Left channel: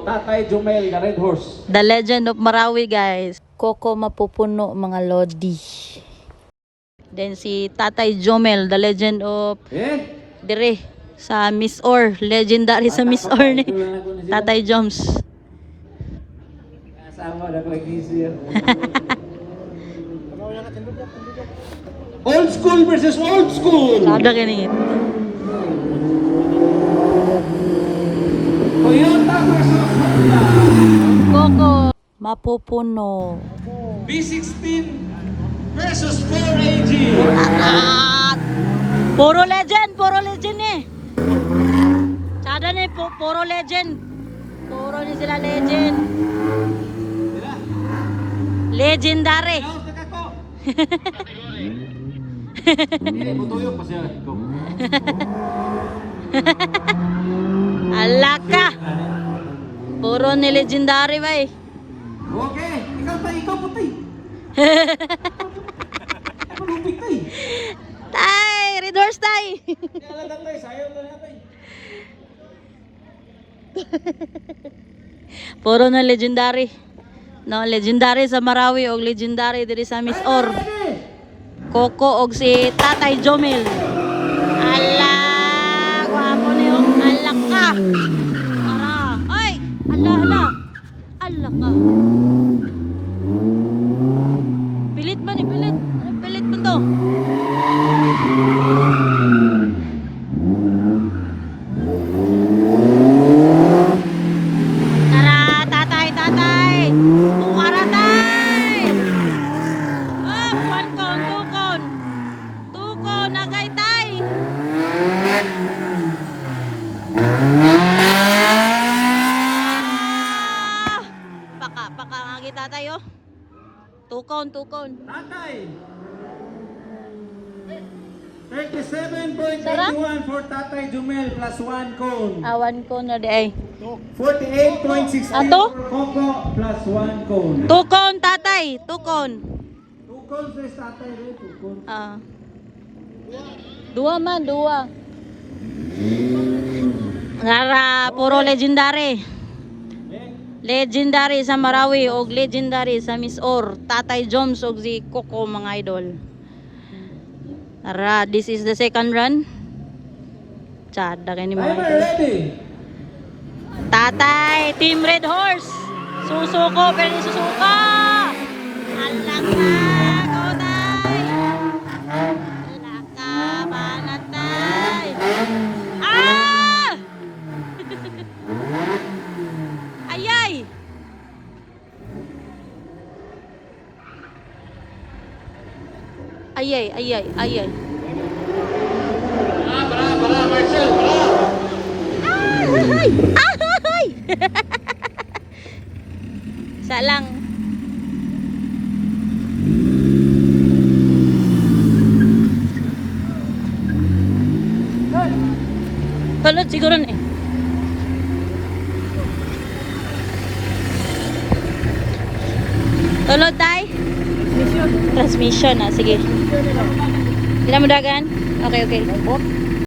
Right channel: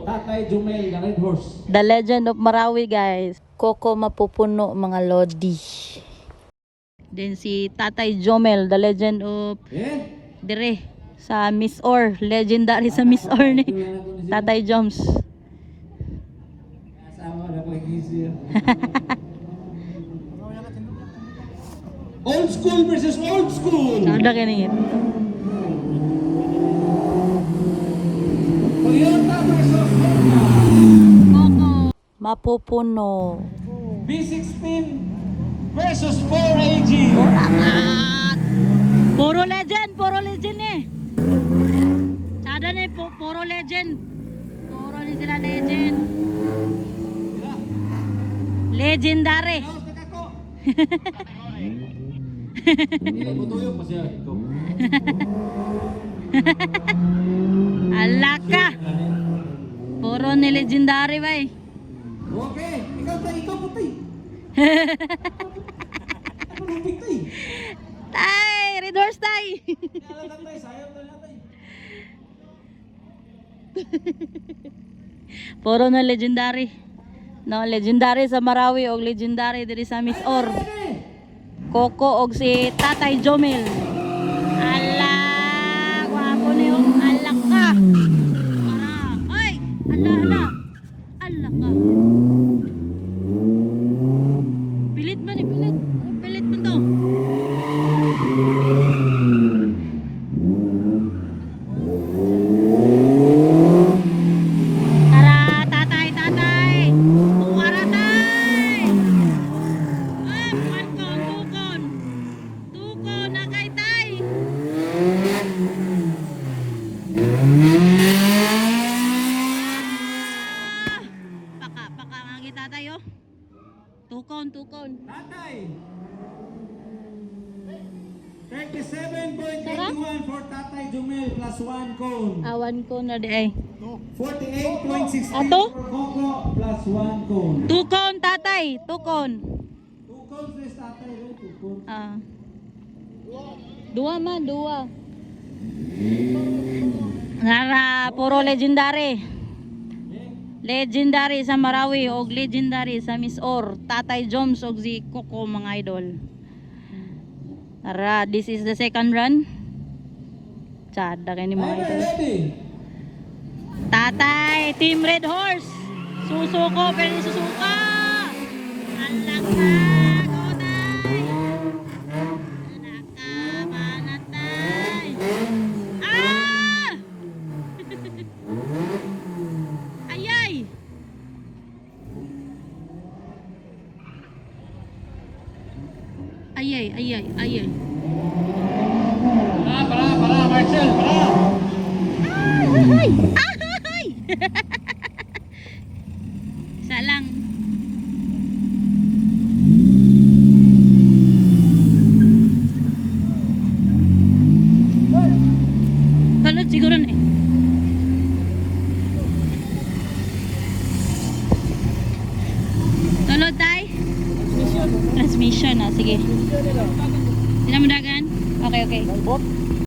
Coco, Tatay Jomel, the Red Horse. The Legend of Marawi, guys. Coco Mapupuno, mga lodi. Then si Tatay Jomel, the Legend of Dire sa Miss Or. Legendary sa Miss Or ni Tatay Joms. Kasama na ko gisir. Old school versus old school. Kada kini. Toyota versus Honda. Coco Mapupuno. B16 versus 4AG. Puro legend eh. Sada ni puro legend. Puro ni sila legend. Legendary. Hindi mo tuyok pa siya. Alaka. Puro ni legendary ba eh. Okay, ikaw putay. Ako lupit tay. Tay, Red Horse tay. Sayaw na natin. Puro na legendary. No, legendary sa Marawi o legendary diri sa Miss Or. Coco og si Tatay Jomel. Ala, guwapo niyo. Ala ka. Para. Ay, ala. Ala ka. Pilit ba ni pilit? Ano pilit mo to? Tatay, oh. Tukon. Tatay. 37.81 for Tatay Jomel plus 1 cone. Awan ko na di ay. 48.64 Ato? for Coco plus 1 cone. Tukon, tatay. Tukon. 2 cones is Tatay rin, 2 cones. Dua man. Nara, puro legendary. Legendary sa Marawi o legendary sa Miss Or. Tatay Joms o si Coco, mga idol. Nara, this is the second run. Tsada kayo ni mga Timer idol. ready. Tatay, Team Red Horse. Susuko, pero susuko. Anak na, Koday. Anak ka, panatay. Ah! Ayay! Ayay. Para, Marcel, para. Ay! Sa lang. Tulad siguro na eh. Tulad tayo? Transmission na, sige. Ilan mo dagan? Okay.